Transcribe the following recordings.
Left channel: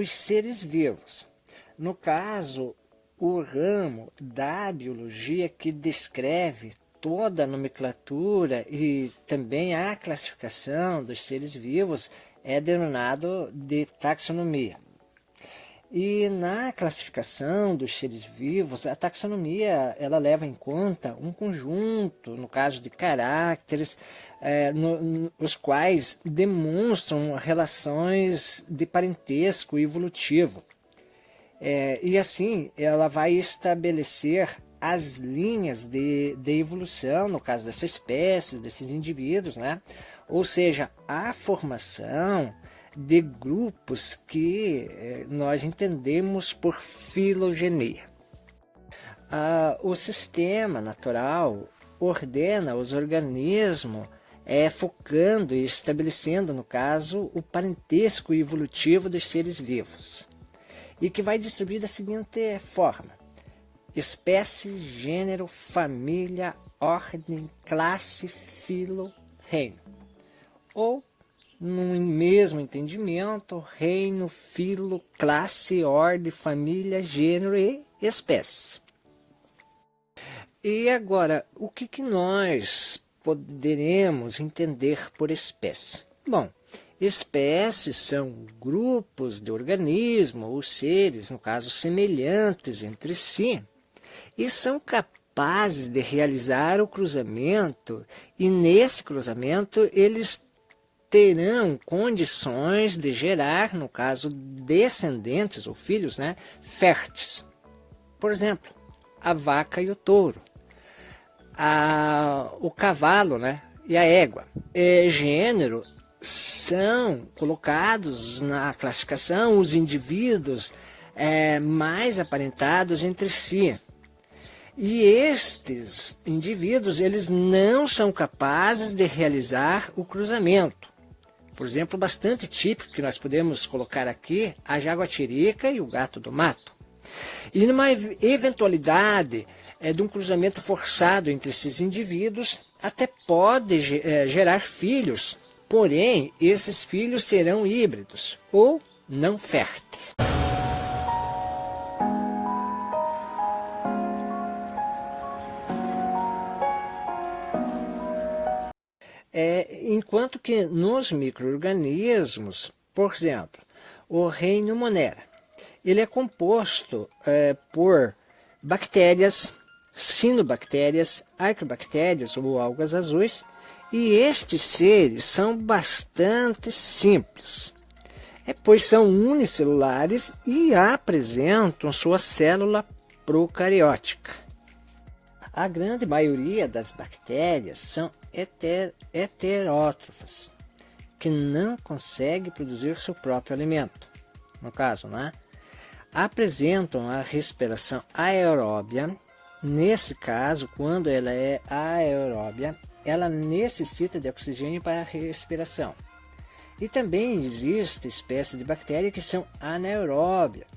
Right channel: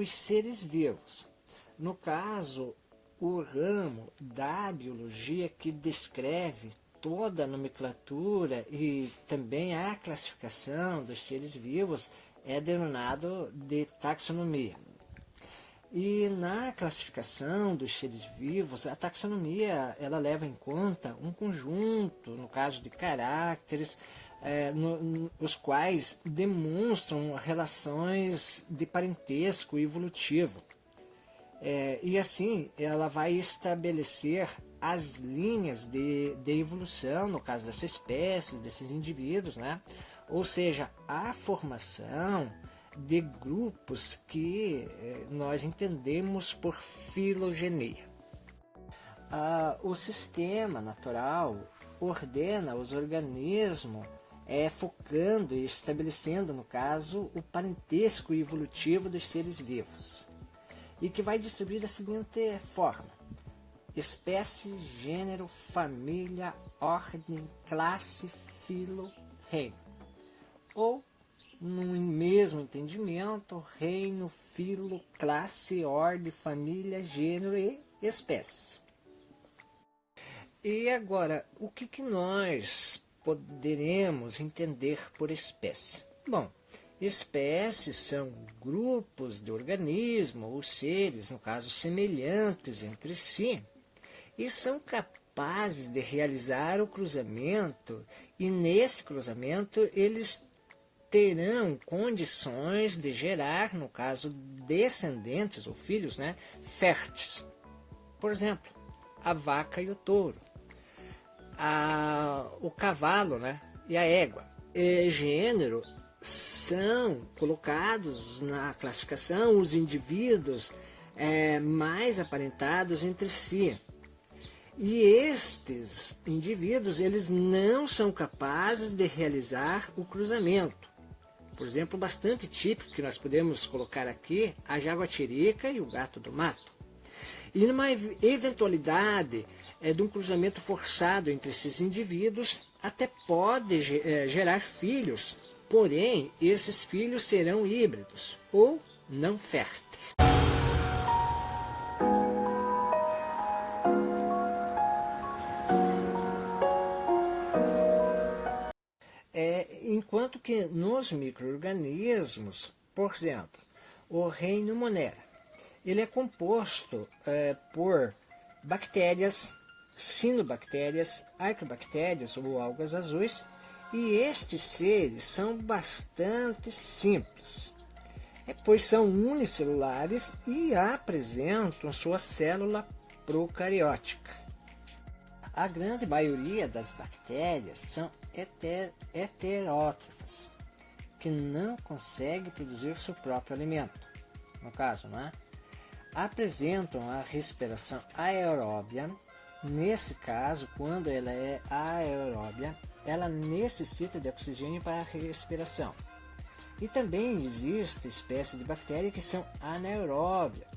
os seres vivos. No caso, o ramo da biologia que descreve toda a nomenclatura e também a classificação dos seres vivos é denominado de taxonomia. E na classificação dos seres vivos, a taxonomia ela leva em conta um conjunto, no caso de caracteres, os quais demonstram relações de parentesco evolutivo. E assim, ela vai estabelecer as linhas de evolução, no caso dessa espécie, desses indivíduos, né? Ou seja, a formação de grupos que nós entendemos por filogenia. O sistema natural ordena os organismos focando e estabelecendo, no caso, o parentesco evolutivo dos seres vivos, e que vai distribuir da seguinte forma: espécie, gênero, família, ordem, classe, filo, reino. Ou, no mesmo entendimento, reino, filo, classe, ordem, família, gênero e espécie. E agora, o que nós poderemos entender por espécie? Bom, espécies são grupos de organismos ou seres, no caso, semelhantes entre si, e são capazes de realizar o cruzamento, e nesse cruzamento eles terão condições de gerar, no caso, descendentes ou filhos, né, férteis. Por exemplo, a vaca e o touro, o cavalo, né, e a égua. Gênero são colocados na classificação os indivíduos mais aparentados entre si. E estes indivíduos, eles não são capazes de realizar o cruzamento. Por exemplo, bastante típico que nós podemos colocar aqui, a jaguatirica e o gato do mato. E numa eventualidade de um cruzamento forçado entre esses indivíduos, até pode gerar filhos, porém, esses filhos serão híbridos ou não férteis. Enquanto que nos micro-organismos, por exemplo, o reino Monera, ele é composto por bactérias, cianobactérias, arqueobactérias ou algas azuis, e estes seres são bastante simples, pois são unicelulares e apresentam sua célula procariótica. A grande maioria das bactérias são heterótrofas, que não conseguem produzir seu próprio alimento. No caso, né? Apresentam a respiração aeróbia. Nesse caso, quando ela é aeróbia, ela necessita de oxigênio para a respiração. E também existe espécies de bactérias que são anaeróbias,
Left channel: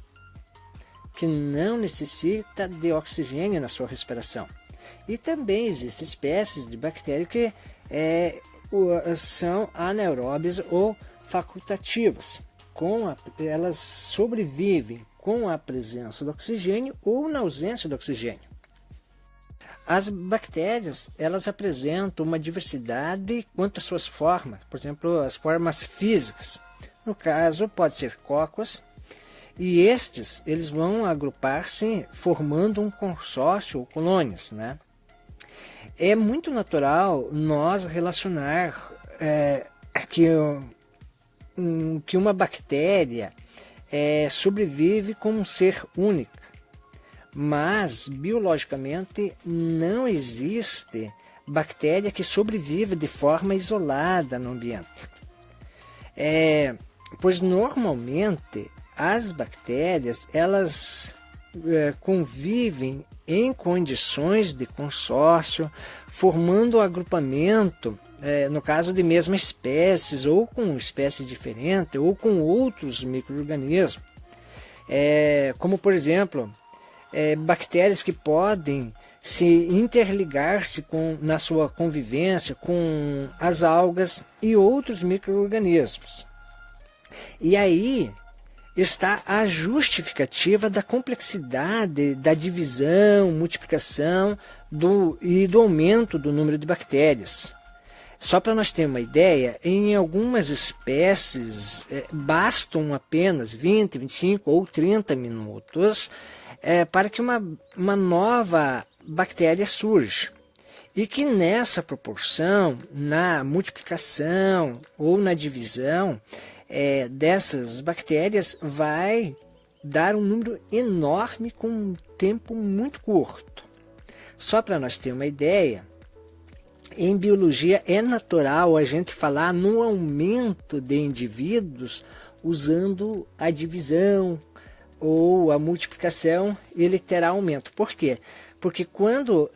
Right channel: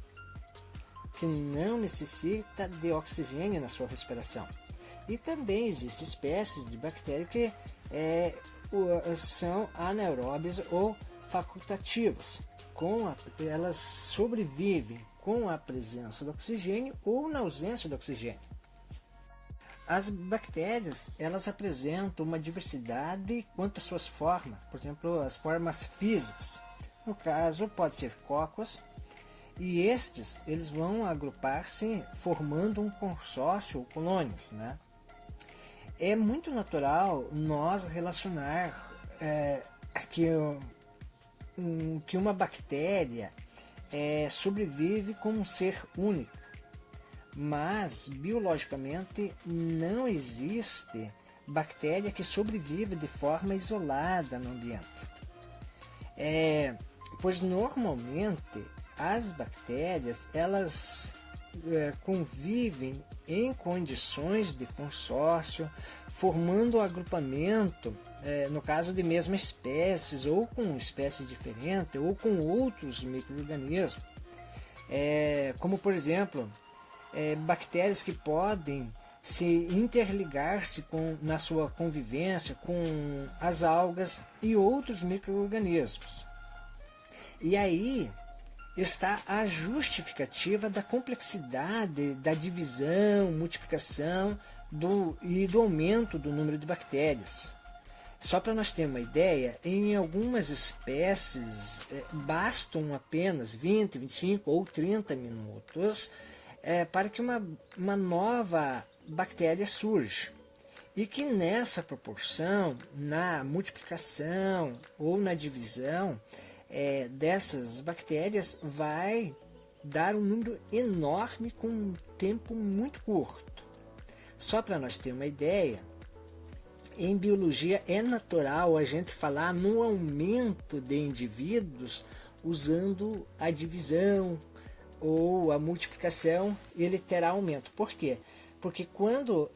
que não necessita de oxigênio na sua respiração. E também existem espécies de bactérias que são anaeróbias ou facultativas. Elas sobrevivem com a presença do oxigênio ou na ausência do oxigênio. As bactérias, elas apresentam uma diversidade quanto às suas formas, por exemplo, as formas físicas. No caso, pode ser cocos, e eles vão agrupar-se formando um consórcio ou colônias, né? É muito natural nós relacionar que uma bactéria sobrevive como um ser único, mas biologicamente não existe bactéria que sobreviva de forma isolada no ambiente. Pois normalmente as bactérias elas convivem em condições de consórcio, formando um agrupamento, no caso de mesmas espécies, ou com espécies diferentes, ou com outros micro-organismos. Como, por exemplo, bactérias que podem se interligar-se na sua convivência com as algas e outros micro-organismos. E aí, está a justificativa da complexidade da divisão, multiplicação e do aumento do número de bactérias. Só para nós termos uma ideia, em algumas espécies bastam apenas 20, 25 ou 30 minutos para que uma nova bactéria surja. E que nessa proporção, na multiplicação ou na divisão dessas bactérias, vai dar um número enorme com um tempo muito curto. Só para nós termos uma ideia, em biologia é natural a gente falar no aumento de indivíduos usando a divisão ou a multiplicação, ele terá aumento. Por quê? Porque quando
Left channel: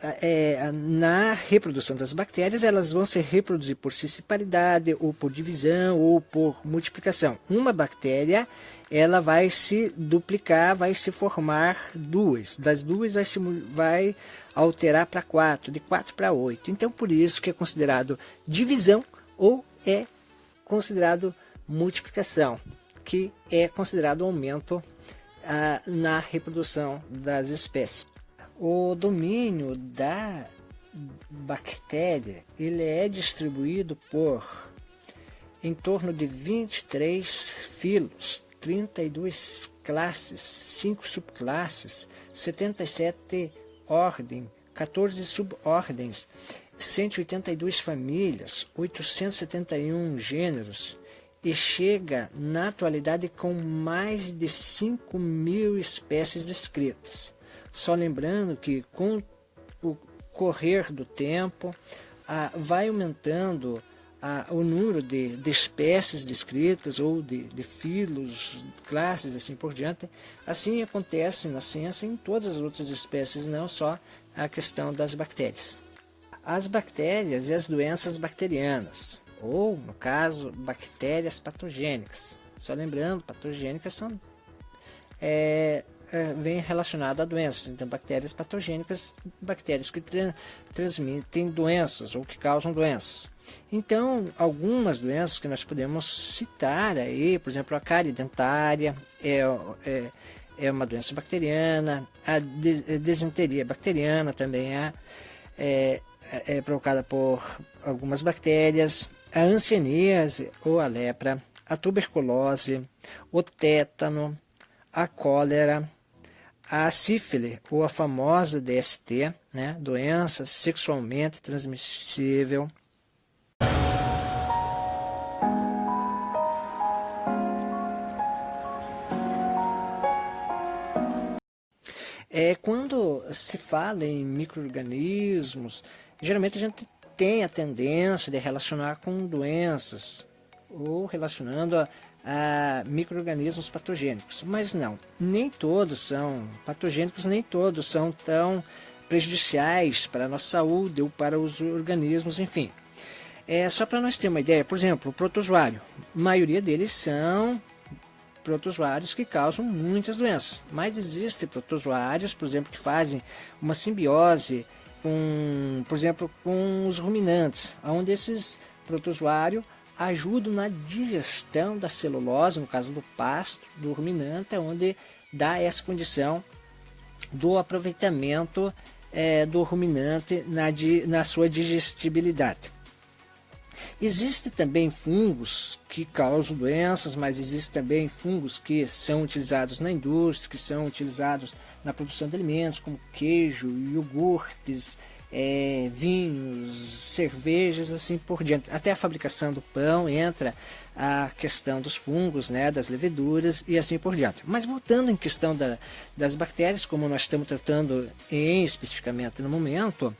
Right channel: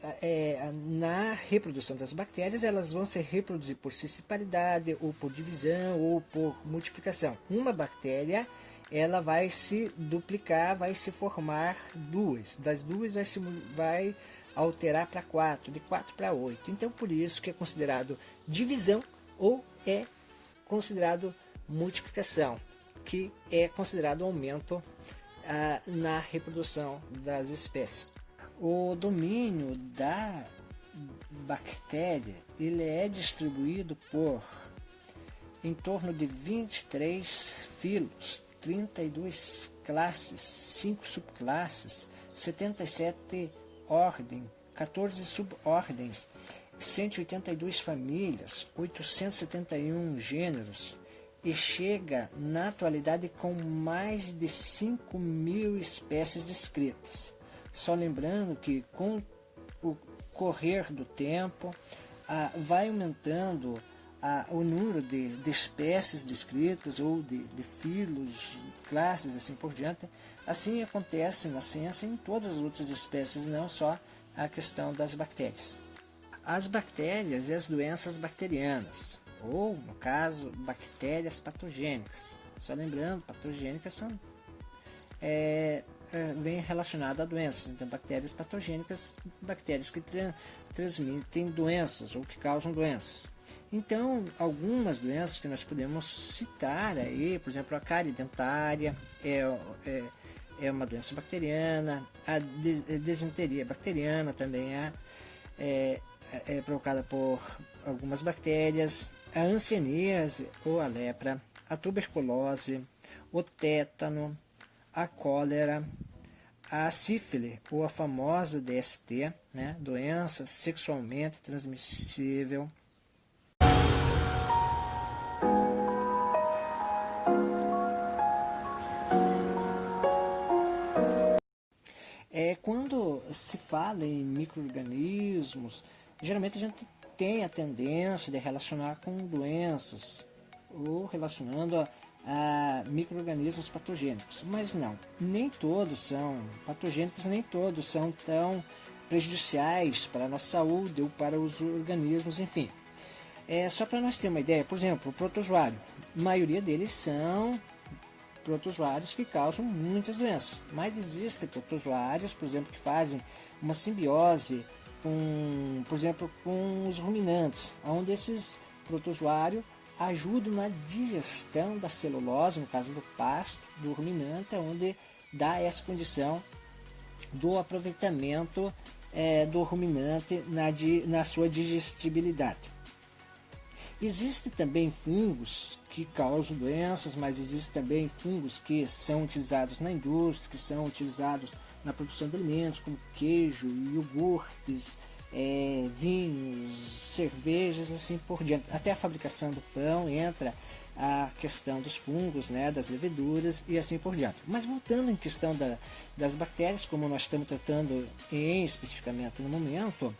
na reprodução das bactérias, elas vão se reproduzir por cisparidade, ou por divisão, ou por multiplicação. Uma bactéria, ela vai se duplicar, vai se formar duas. Das duas vai alterar para 4, de 4 para 8. Então, por isso que é considerado divisão ou é considerado multiplicação, que é considerado aumento na reprodução das espécies. O domínio da bactéria ele é distribuído por em torno de 23 filos, 32 classes, 5 subclasses, 77 ordens, 14 subordens, 182 famílias, 871 gêneros, e chega na atualidade com mais de 5.000 espécies descritas. Só lembrando que com o correr do tempo vai aumentando o número de espécies descritas ou de filos, classes, assim por diante. Assim acontece na ciência em todas as outras espécies, não só a questão das bactérias. As bactérias e as doenças bacterianas, ou, no caso, bactérias patogênicas. Só lembrando, patogênicas são vem relacionado a doenças. Então, bactérias patogênicas, bactérias que transmitem doenças ou que causam doenças. Então, algumas doenças que nós podemos citar aí, por exemplo, a cárie dentária é uma doença bacteriana, a desenteria bacteriana também é provocada por algumas bactérias, a hanseníase ou a lepra, a tuberculose, o tétano, a cólera, a sífilis, ou a famosa DST, né? Doença sexualmente transmissível. Quando se fala em micro-organismos, geralmente a gente tem a tendência de relacionar com doenças, ou relacionando a micro-organismos patogênicos, mas não, nem todos são patogênicos, nem todos são tão prejudiciais para a nossa saúde ou para os organismos, enfim. Só para nós termos uma ideia, por exemplo, o protozoário, a maioria deles são protozoários que causam muitas doenças, mas existem protozoários, por exemplo, que fazem uma simbiose por exemplo, com os ruminantes, onde esses protozoários ajudam na digestão da celulose, no caso do pasto, do ruminante, onde dá essa condição do aproveitamento do ruminante na sua digestibilidade. Existem também fungos que causam doenças, mas existem também fungos que são utilizados na indústria, que são utilizados na produção de alimentos, como queijo, iogurtes, vinhos, cervejas, assim por diante. Até a fabricação do pão entra a questão dos fungos, né, das leveduras e assim por diante. Mas voltando em questão das bactérias, como nós estamos tratando especificamente no momento,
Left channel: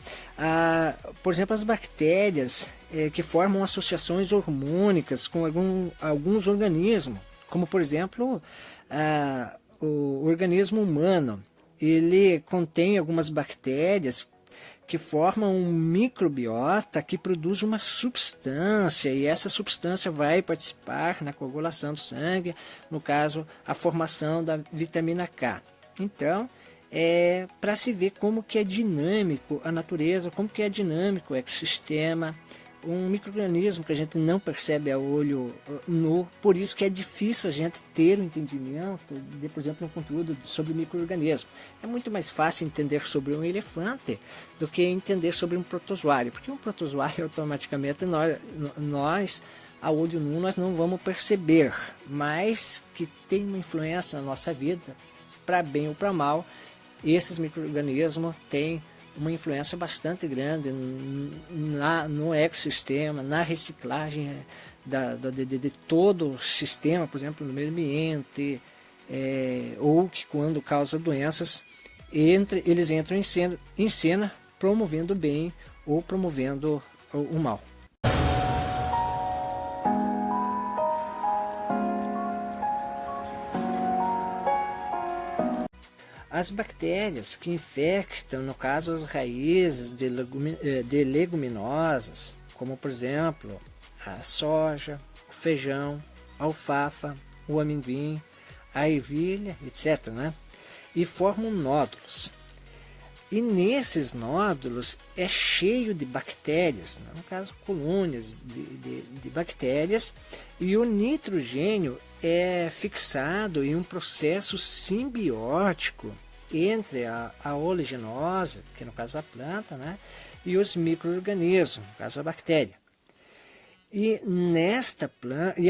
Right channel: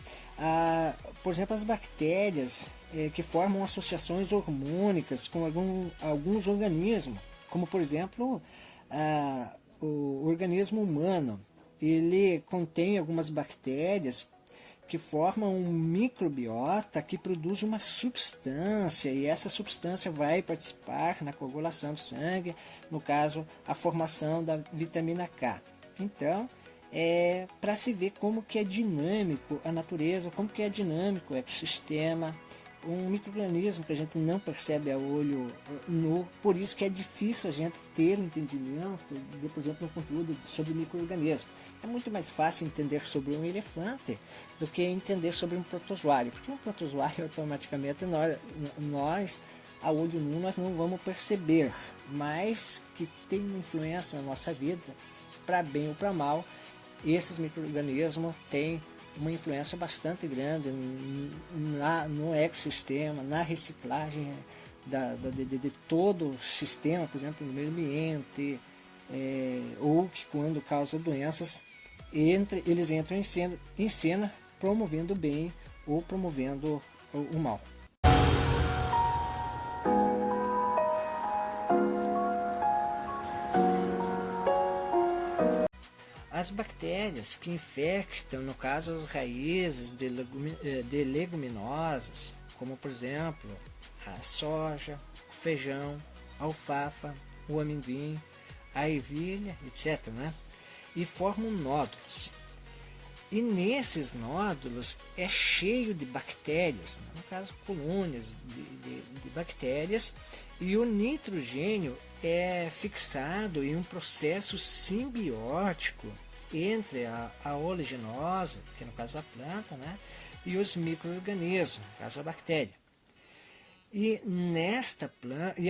por exemplo, as bactérias que formam associações hormônicas com alguns organismos, como por exemplo o organismo humano, ele contém algumas bactérias que formam um microbiota que produz uma substância, e essa substância vai participar na coagulação do sangue, no caso, a formação da vitamina K. Então, para se ver como que é dinâmico a natureza, como que é dinâmico o ecossistema, um micro-organismo que a gente não percebe a olho nu, por isso que é difícil a gente ter um entendimento, de, por exemplo, um conteúdo sobre micro-organismo. É muito mais fácil entender sobre um elefante do que entender sobre um protozoário, porque um protozoário automaticamente nós a olho nu nós não vamos perceber, mas que tem uma influência na nossa vida, para bem ou para mal. Esses micro-organismos têm uma influência bastante grande no ecossistema, na reciclagem de todo o sistema, por exemplo, no meio ambiente, ou que quando causa doenças, eles entram em cena promovendo o bem ou promovendo o mal. As bactérias que infectam, no caso, as raízes de leguminosas, como por exemplo a soja, o feijão, a alfafa, o amendoim, a ervilha, etc., né? E formam nódulos. E nesses nódulos é cheio de bactérias, no caso colônias de bactérias, e o nitrogênio é fixado em um processo simbiótico entre a oleaginosa, que no caso a planta, né, e os micro-organismos, no caso a bactéria. E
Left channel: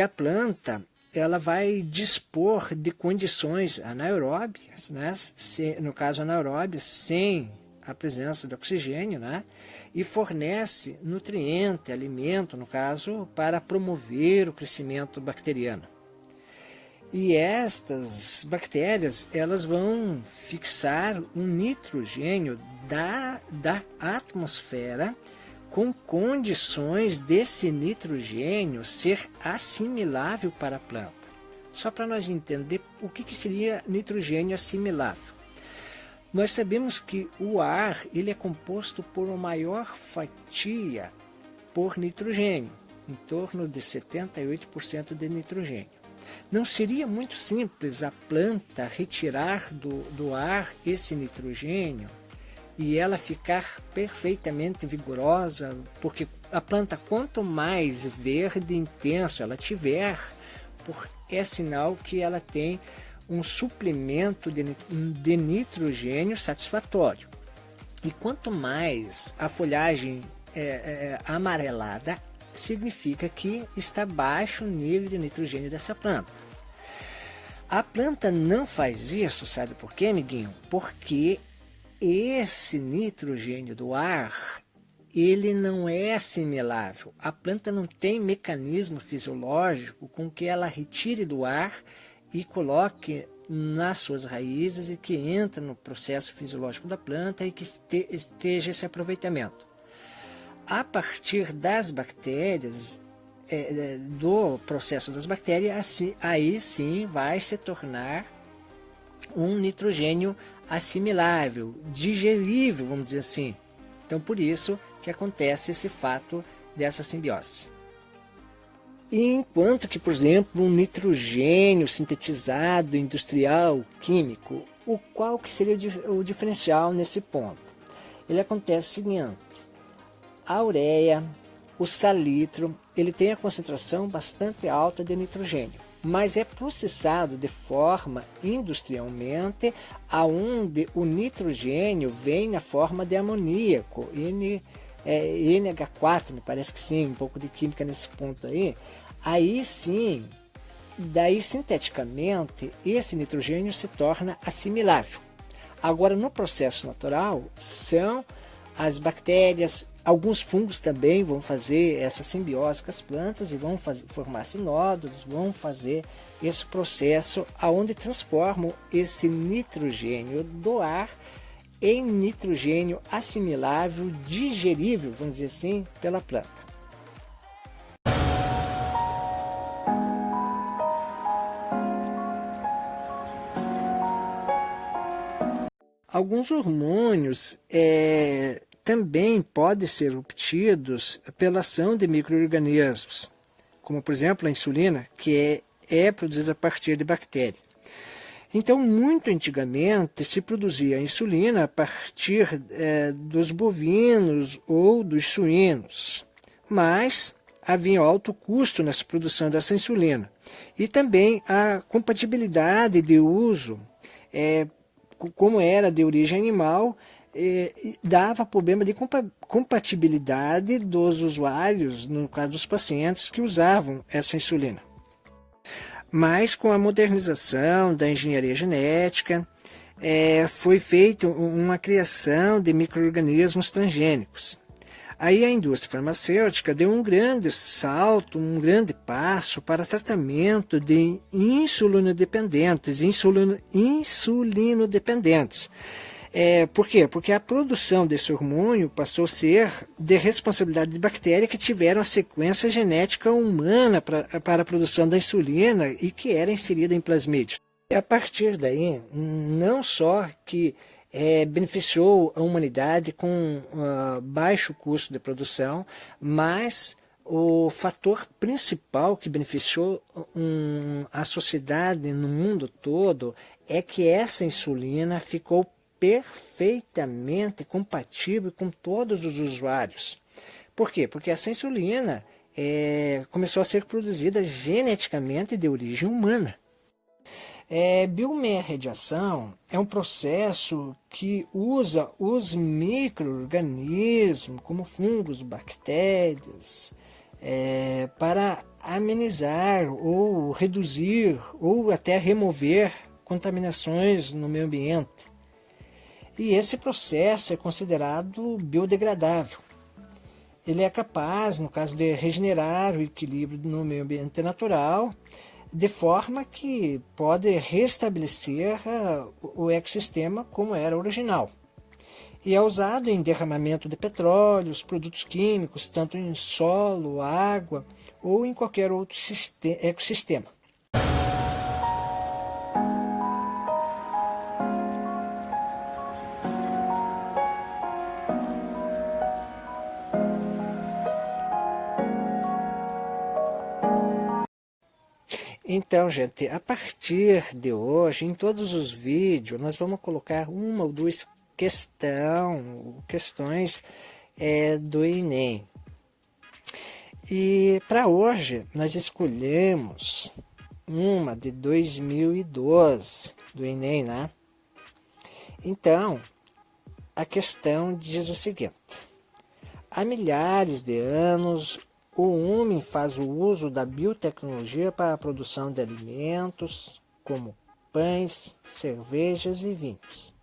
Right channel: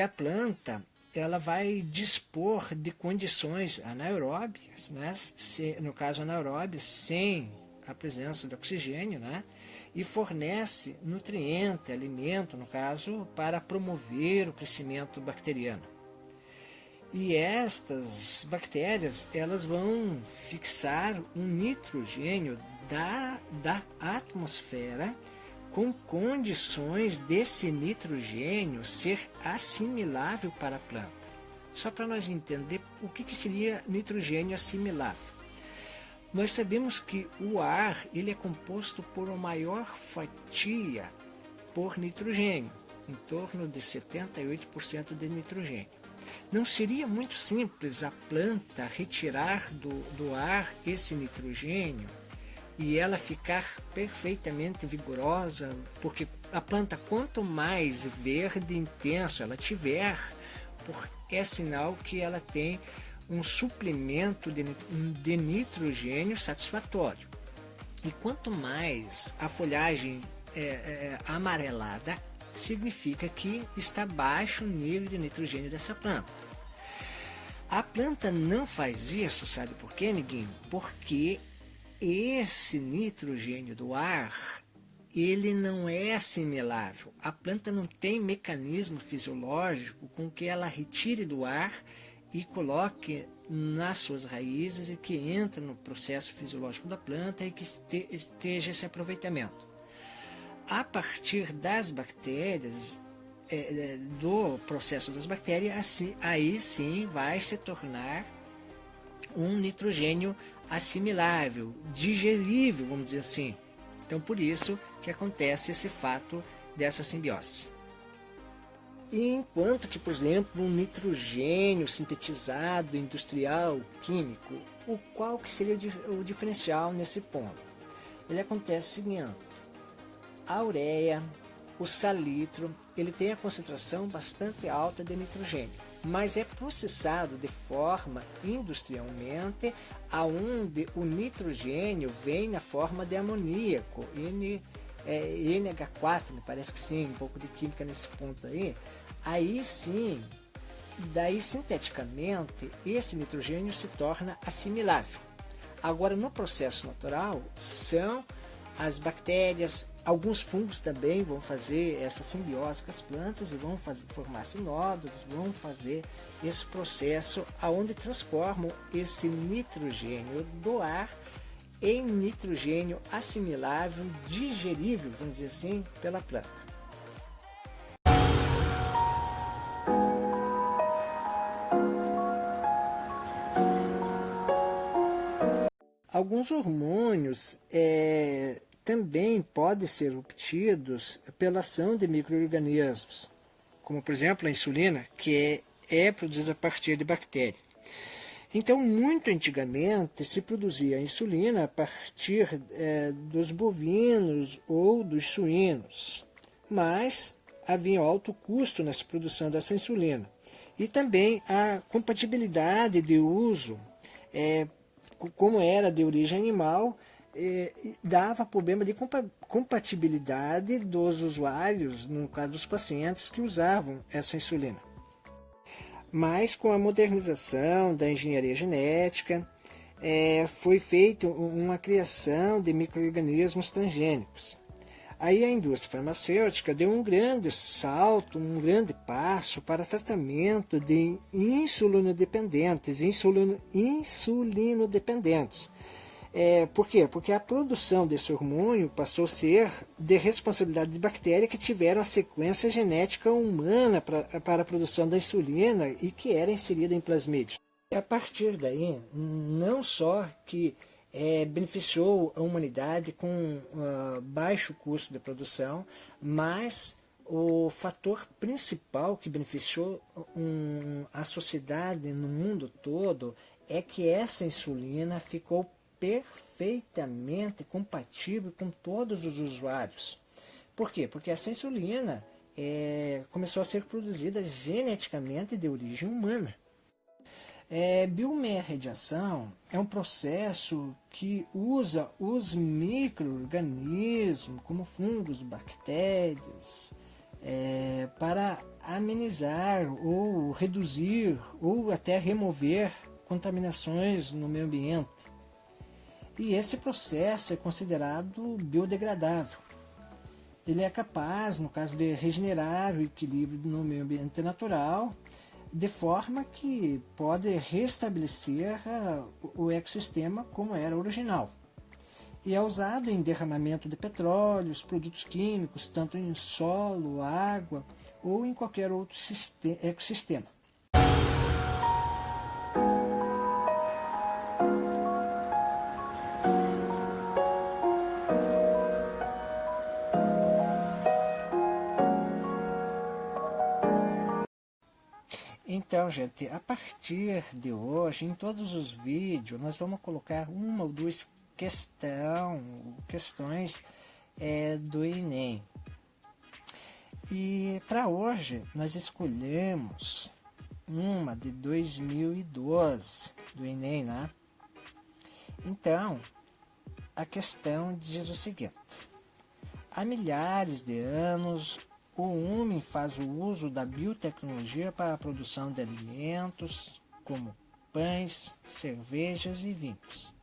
a planta ela vai dispor de condições anaeróbias, né, no caso anaeróbias, sem a presença de oxigênio, né, e fornece nutriente, alimento, no caso, para promover o crescimento bacteriano. E estas bactérias elas vão fixar um nitrogênio da atmosfera com condições desse nitrogênio ser assimilável para a planta. Só para nós entender o que seria nitrogênio assimilável. Nós sabemos que o ar ele é composto por uma maior fatia por nitrogênio, em torno de 78% de nitrogênio. Não seria muito simples a planta retirar do ar esse nitrogênio e ela ficar perfeitamente vigorosa, porque a planta, quanto mais verde intenso ela tiver, é sinal que ela tem um suplemento de nitrogênio satisfatório. E quanto mais a folhagem é amarelada, significa que está baixo o nível de nitrogênio dessa planta. A planta não faz isso, sabe por quê, amiguinho? Porque esse nitrogênio do ar, ele não é assimilável. A planta não tem mecanismo fisiológico com que ela retire do ar e coloque nas suas raízes e que entra no processo fisiológico da planta e que esteja esse aproveitamento. A partir das bactérias, do processo das bactérias, aí sim vai se tornar um nitrogênio assimilável, digerível, vamos dizer assim. Então, por isso que acontece esse fato dessa simbiose. E enquanto que, por exemplo, um nitrogênio sintetizado, industrial, químico, qual que seria o diferencial nesse ponto? Ele acontece o seguinte: a ureia, o salitro, ele tem a concentração bastante alta de nitrogênio, mas é processado de forma industrialmente, aonde o nitrogênio vem na forma de amoníaco, NH4, me parece que sim, um pouco de química nesse ponto aí. Aí sim, daí sinteticamente, esse nitrogênio se torna assimilável. Agora, no processo natural, são as bactérias, alguns fungos também vão fazer essa simbiose com as plantas e vão formar-se nódulos, vão fazer esse processo aonde transformam esse nitrogênio do ar em nitrogênio assimilável, digerível, vamos dizer assim, pela planta. Alguns hormônios também podem ser obtidos pela ação de micro-organismos, como por exemplo a insulina, que é produzida a partir de bactérias. Então, muito antigamente se produzia a insulina a partir dos bovinos ou dos suínos. mas havia um alto custo nessa produção dessa insulina. E também a compatibilidade de uso, como era de origem animal, dava problema de compatibilidade dos usuários, no caso dos pacientes que usavam essa insulina. Mas com a modernização da engenharia genética, foi feita uma criação de micro-organismos transgênicos. Aí a indústria farmacêutica deu um grande salto, um grande passo para tratamento de insulinodependentes. Por quê? Porque a produção desse hormônio passou a ser de responsabilidade de bactérias que tiveram a sequência genética humana para a produção da insulina e que era inserida em plasmídeos. E a partir daí, não só que beneficiou a humanidade com baixo custo de produção, mas o fator principal que beneficiou a sociedade no mundo todo é que essa insulina ficou perfeitamente compatível com todos os usuários. Por quê? Porque essa insulina começou a ser produzida geneticamente de origem humana. Biorremediação é um processo que usa os micro-organismos, como fungos, bactérias, para amenizar ou reduzir ou até remover contaminações no meio ambiente. E esse processo é considerado biodegradável. Ele é capaz, no caso de regenerar o equilíbrio no meio ambiente natural, de forma que pode restabelecer o ecossistema como era original. E é usado em derramamento de petróleos, produtos químicos, tanto em solo, água ou em qualquer outro ecossistema. Então, gente, a partir de hoje, em todos os vídeos, nós vamos colocar uma ou duas questões do Enem. E para hoje, nós escolhemos uma de 2012, do Enem, né? Então, a questão diz o seguinte: há milhares de anos, o homem faz o uso da biotecnologia para a produção de alimentos, como pães, cervejas e vinhos.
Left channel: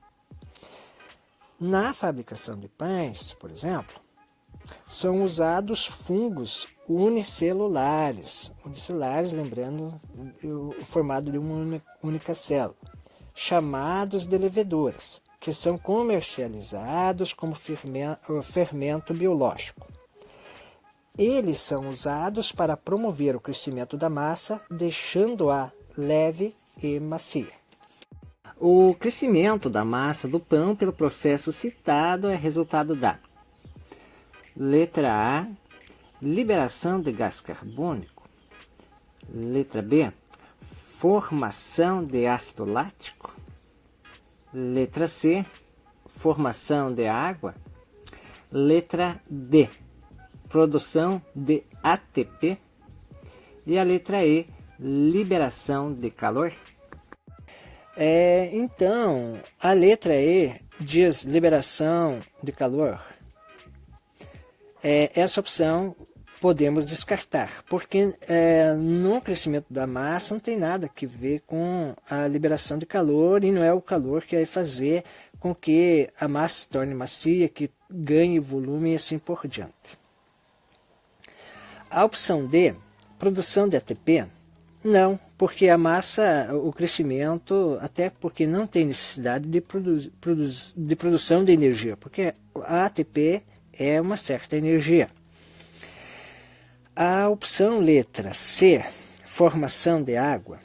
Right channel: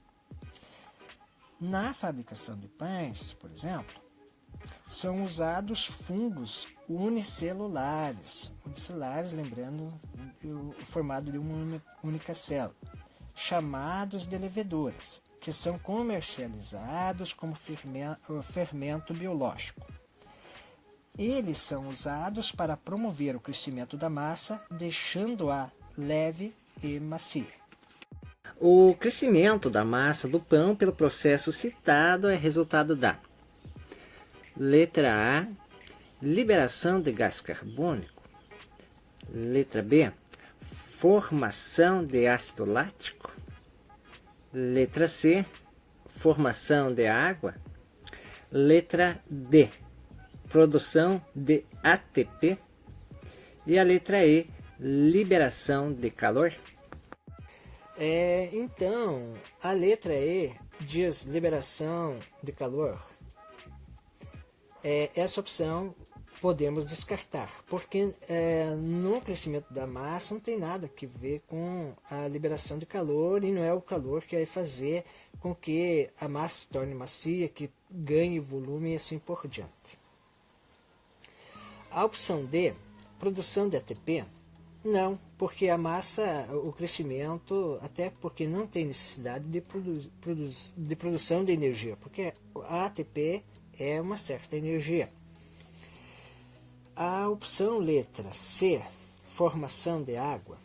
Na fabricação de pães, por exemplo, são usados fungos unicelulares, lembrando o formato de uma única célula, chamados de leveduras, que são comercializados como fermento biológico. Eles são usados para promover o crescimento da massa, deixando-a leve e macia. O crescimento da massa do pão pelo processo citado é resultado da letra A, liberação de gás carbônico. Letra B, formação de ácido lático. Letra C, formação de água. Letra D, produção de ATP. E a letra E, liberação de calor. Então, a letra E diz liberação de calor. Essa opção podemos descartar, porque no crescimento da massa não tem nada a ver com a liberação de calor, e não é o calor que vai fazer com que a massa se torne macia, que ganhe volume e assim por diante. A opção D, produção de ATP, não, porque a massa, o crescimento, até porque não tem necessidade de produção de energia, porque a ATP é uma certa energia. A opção letra C, formação de água,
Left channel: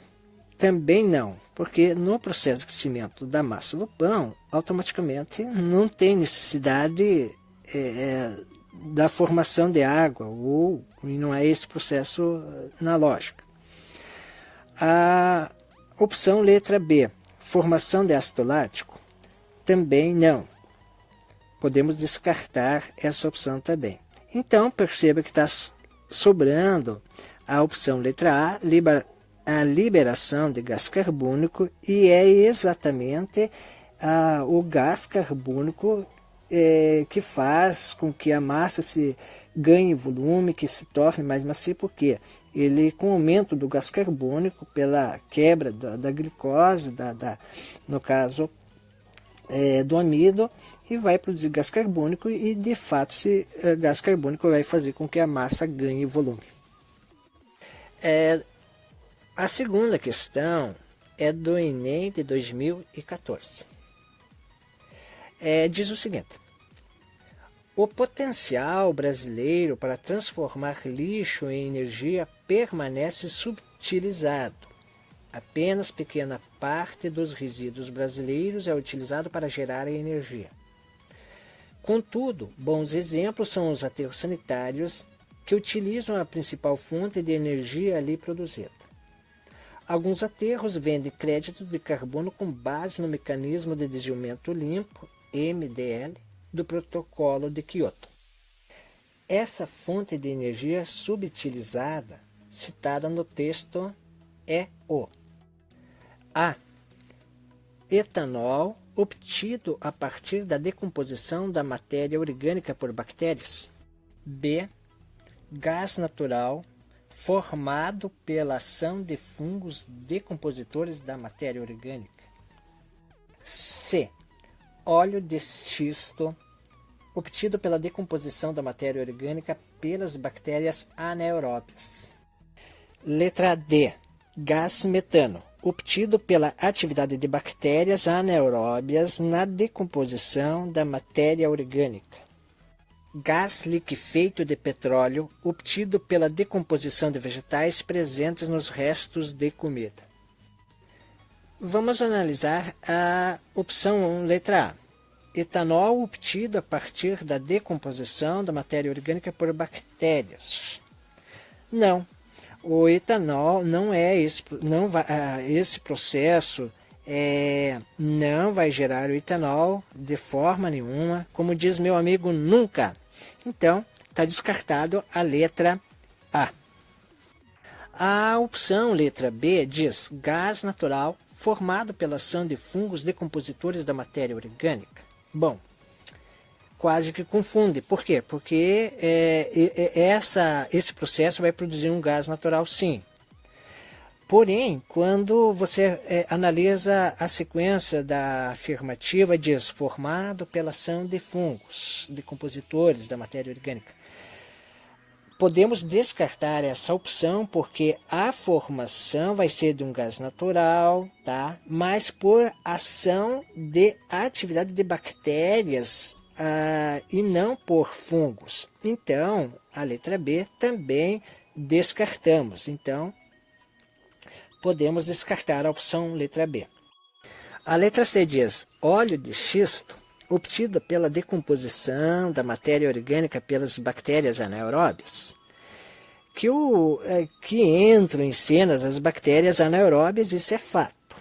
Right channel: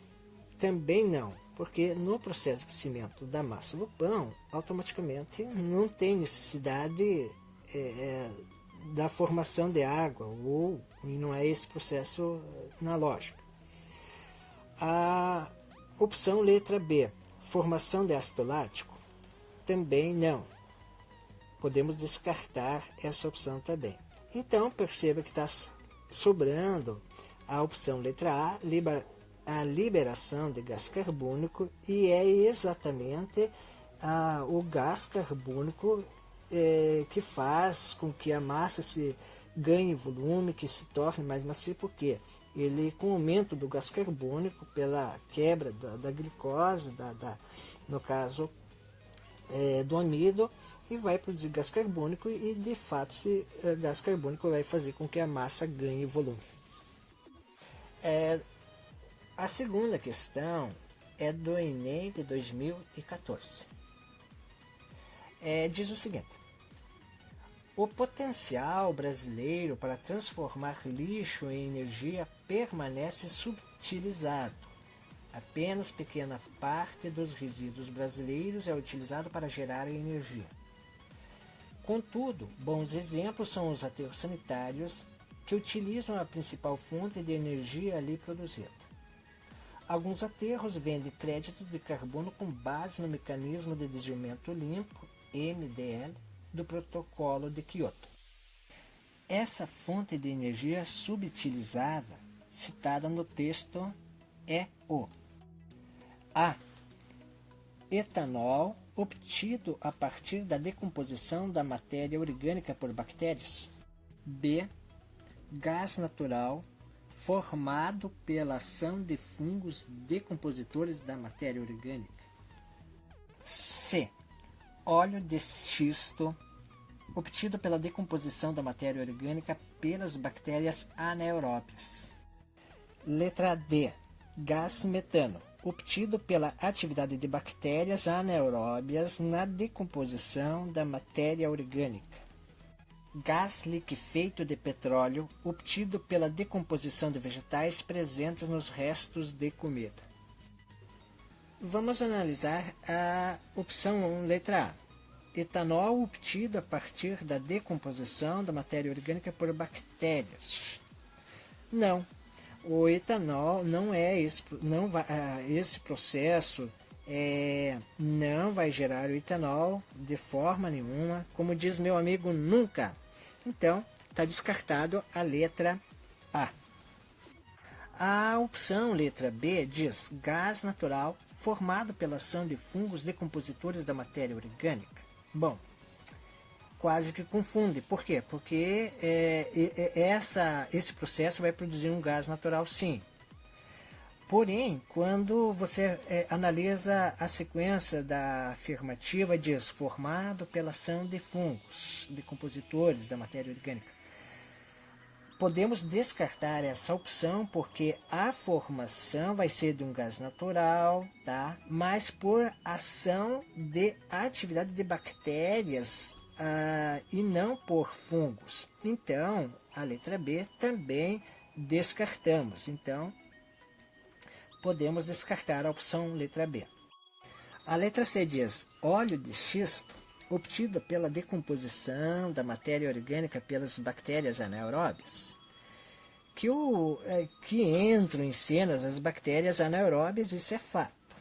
também não, porque no processo de crescimento da massa do pão, automaticamente não tem necessidade da formação de água, ou não é esse processo na lógica. A opção letra B, formação de ácido lático, também não. Podemos descartar essa opção também. Então, perceba que está sobrando a opção letra A, a liberação de gás carbônico, e é exatamente o gás carbônico que faz com que a massa se ganhe volume, que se torne mais macia, porque ele, com o aumento do gás carbônico, pela quebra da glicose, no caso do amido, e vai produzir gás carbônico, e de fato esse gás carbônico vai fazer com que a massa ganhe volume. A segunda questão é do Enem de 2014. Diz o seguinte: o potencial brasileiro para transformar lixo em energia permanece subutilizado. Apenas pequena parte dos resíduos brasileiros é utilizado para gerar energia. Contudo, bons exemplos são os aterros sanitários, que utilizam a principal fonte de energia ali produzida. Alguns aterros vendem crédito de carbono com base no mecanismo de desviamento limpo, MDL, do Protocolo de Kyoto. Essa fonte de energia subutilizada, citada no texto, é o A. Etanol obtido a partir da decomposição da matéria orgânica por bactérias. B. Gás natural formado pela ação de fungos decompositores da matéria orgânica. C. Óleo de xisto obtido pela decomposição da matéria orgânica pelas bactérias anaeróbias. Letra D. Gás metano obtido pela atividade de bactérias anaeróbias na decomposição da matéria orgânica. Gás liquefeito de petróleo obtido pela decomposição de vegetais presentes nos restos de comida. Vamos analisar a opção letra A. Etanol obtido a partir da decomposição da matéria orgânica por bactérias. Não, o etanol não é esse processo não vai gerar o etanol de forma nenhuma, como diz meu amigo, nunca. Então, está descartado a letra A. A opção letra B diz gás natural formado pela ação de fungos decompositores da matéria orgânica. Bom, quase que confunde. Por quê? Porque esse processo vai produzir um gás natural, sim. Porém, quando você analisa a sequência da afirmativa, diz formado pela ação de fungos decompositores da matéria orgânica. Podemos descartar essa opção porque a formação vai ser de um gás natural, tá? Mas por ação de atividade de bactérias e não por fungos. Então, a letra B também descartamos. Então, podemos descartar a opção letra B. A letra C diz óleo de xisto obtido pela decomposição da matéria orgânica pelas bactérias anaeróbias. Que entram em cenas as bactérias anaeróbias, isso é fato.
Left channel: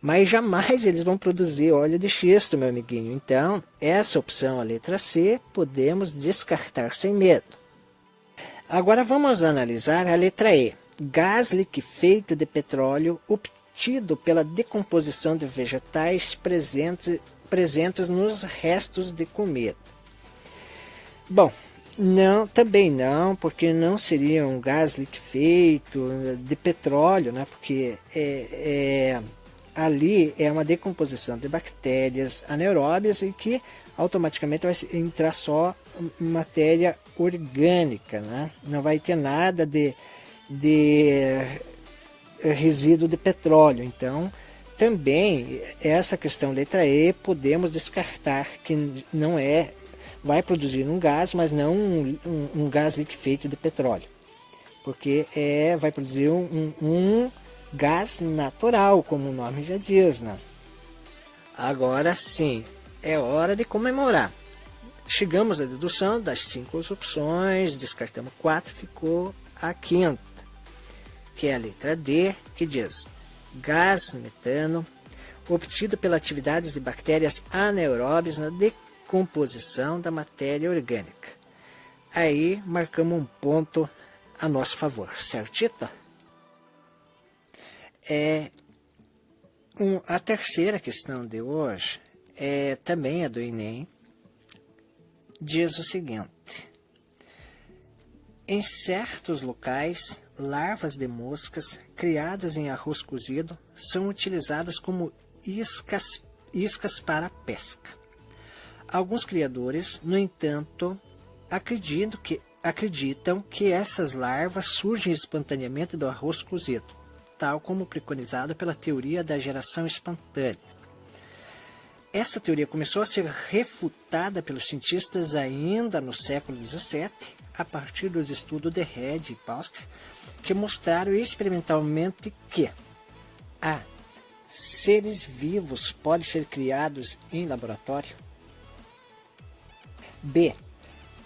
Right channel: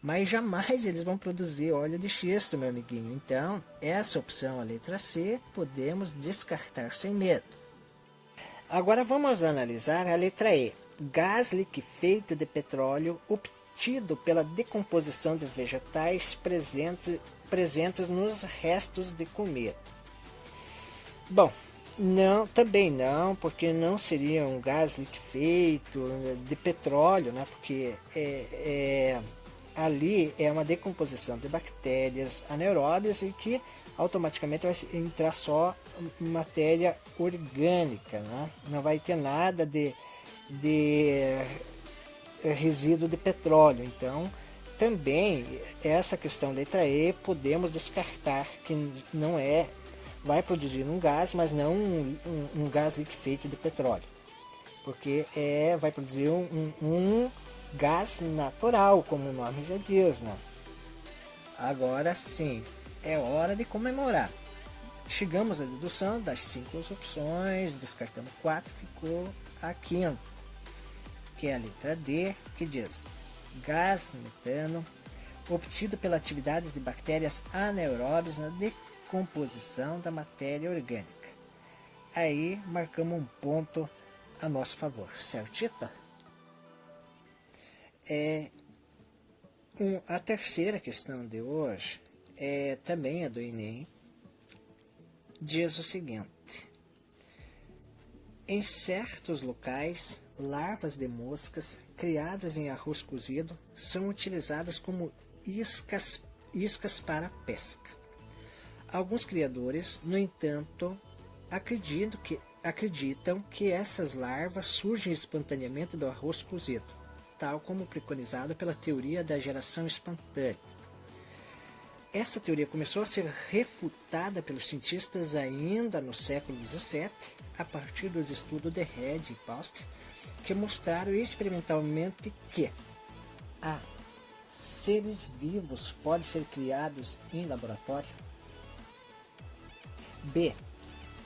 Mas jamais eles vão produzir óleo de xisto, meu amiguinho. Então, essa opção, a letra C, podemos descartar sem medo. Agora vamos analisar a letra E. Gás liquefeito de petróleo obtido pela decomposição de vegetais presentes nos restos de comida. Bom, não, também não, porque não seria um gás liquefeito de petróleo, né? Porque ali é uma decomposição de bactérias anaeróbias e que automaticamente vai entrar só matéria orgânica, né? Não vai ter nada de resíduo de petróleo. Então, também essa questão letra E podemos descartar, que não vai produzir um gás, mas não um gás liquefeito de petróleo, porque vai produzir um gás natural, como o nome já diz, né? Agora sim, é hora de comemorar. Chegamos à dedução das 5 opções, descartamos 4, ficou a quinta, que é a letra D, que diz gás metano obtido pela atividade de bactérias anaeróbias na decomposição da matéria orgânica. Aí marcamos um ponto a nosso favor, certito? A terceira questão de hoje também é do Enem. Diz o seguinte: em certos locais, larvas de moscas criadas em arroz cozido são utilizadas como iscas para pesca. Alguns criadores, no entanto, acreditam que essas larvas surgem espontaneamente do arroz cozido, tal como preconizado pela teoria da geração espontânea. Essa teoria começou a ser refutada pelos cientistas ainda no século XVII, a partir dos estudos de Reid e Pauster, que mostraram experimentalmente que a. Seres vivos podem ser criados em laboratório. B.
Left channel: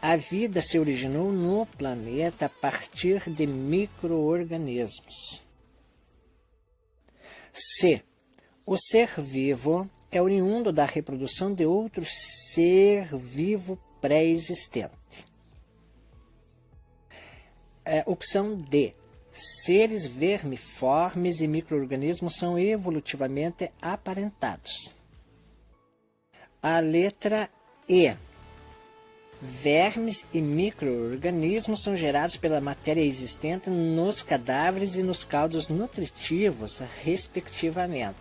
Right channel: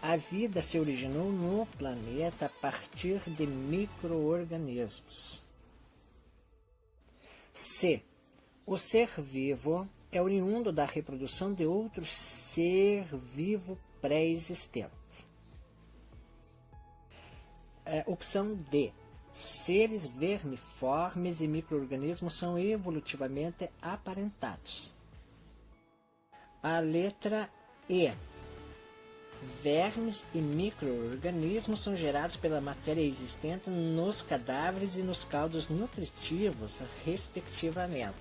A vida se originou no planeta a partir de micro-organismos. C. O ser vivo é oriundo da reprodução de outro ser vivo pré-existente. Opção D. Seres vermiformes e micro-organismos são evolutivamente aparentados. A letra E. Vermes e micro-organismos são gerados pela matéria existente nos cadáveres e nos caldos nutritivos, respectivamente.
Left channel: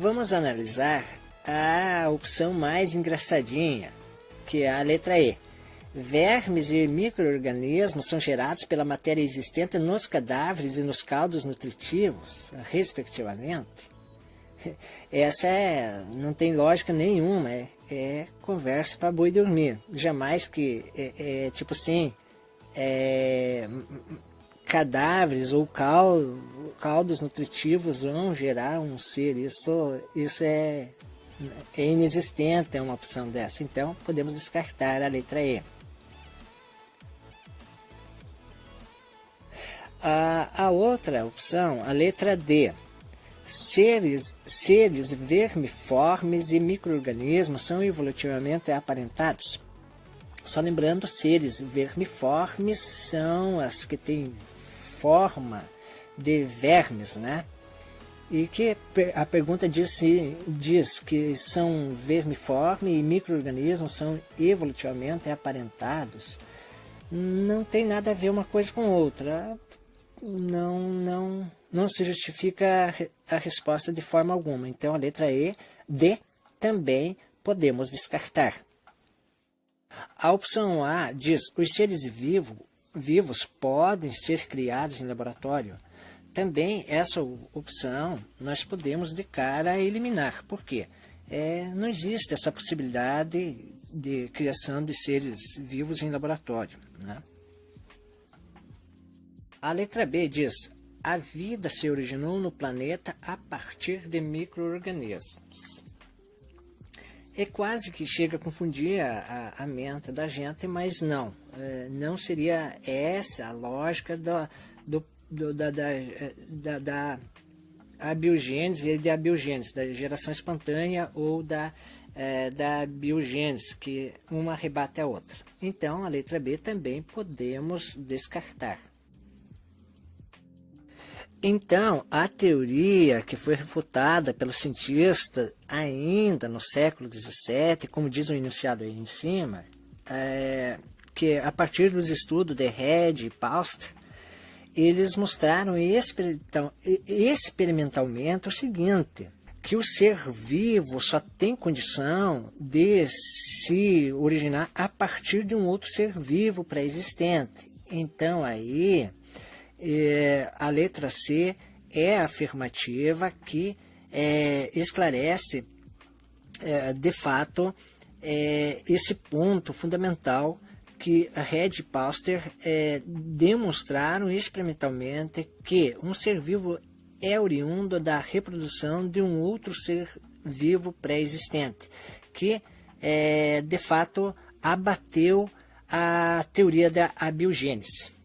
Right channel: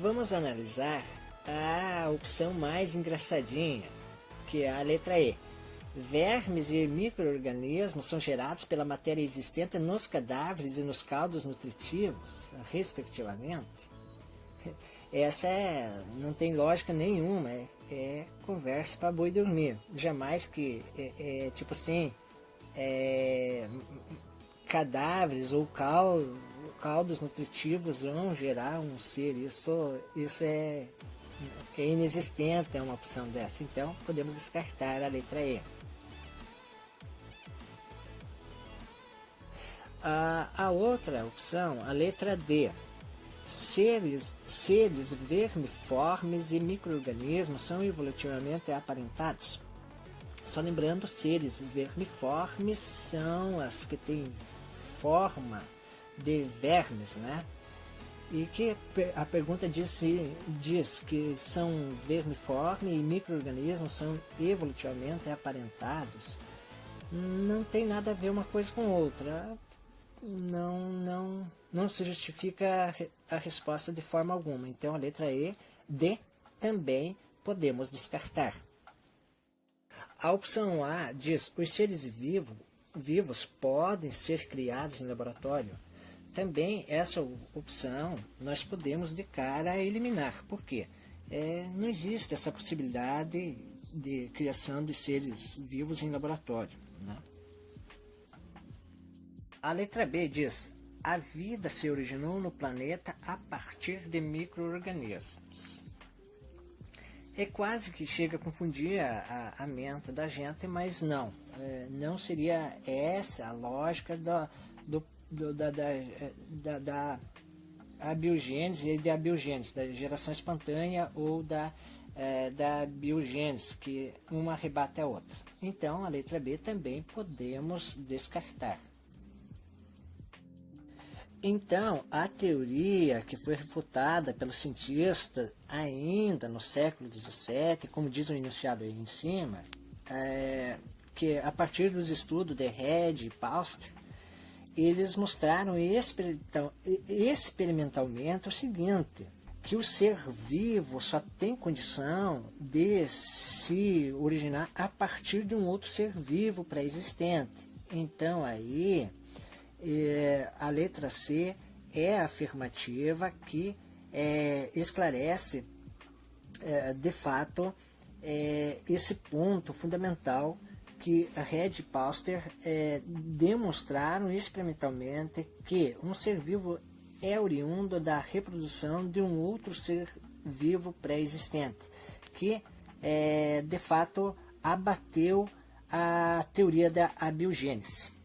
Vamos analisar a opção mais engraçadinha, que é a letra E. Vermes e micro-organismos são gerados pela matéria existente nos cadáveres e nos caldos nutritivos, respectivamente. Essa não tem lógica nenhuma, é conversa para boi dormir. Jamais que, tipo assim, cadáveres ou caldos nutritivos vão gerar um ser. Isso é inexistente, é uma opção dessa. Então, podemos descartar a letra E. A outra opção, a letra D. Seres vermiformes e micro-organismos são evolutivamente aparentados. Só lembrando, seres vermiformes são as que têm forma de vermes, né? E que a pergunta diz que são vermiformes e micro-organismos são evolutivamente aparentados. Não tem nada a ver uma coisa com outra. Não se justifica a resposta de forma alguma. Então, a letra D também podemos descartar. A opção A diz: os seres vivos podem ser criados em laboratório. Também essa opção nós podemos de cara eliminar. Por quê? Não existe essa possibilidade de criação de seres vivos em laboratório, né? A letra B diz: a vida se originou no planeta a partir de micro-organismos. Quase que chega a confundir a mente da gente, mas não. Não seria essa a lógica da abiogênese e da abiogênese, da geração espontânea ou da biogênese, que uma rebate a outra. Então, a letra B também podemos descartar. Então, a teoria que foi refutada pelo cientista ainda no século XVII, como diz o enunciado aí em cima, que a partir dos estudos de Reid e Pauster, eles mostraram experimentalmente o seguinte: que o ser vivo só tem condição de se originar a partir de um outro ser vivo pré-existente. Então, aí a letra C é afirmativa, que esclarece de fato esse ponto fundamental que a Reid e Pauster demonstraram experimentalmente, que um ser vivo é oriundo da reprodução de um outro ser vivo pré-existente, que de fato abateu a teoria da abiogênese.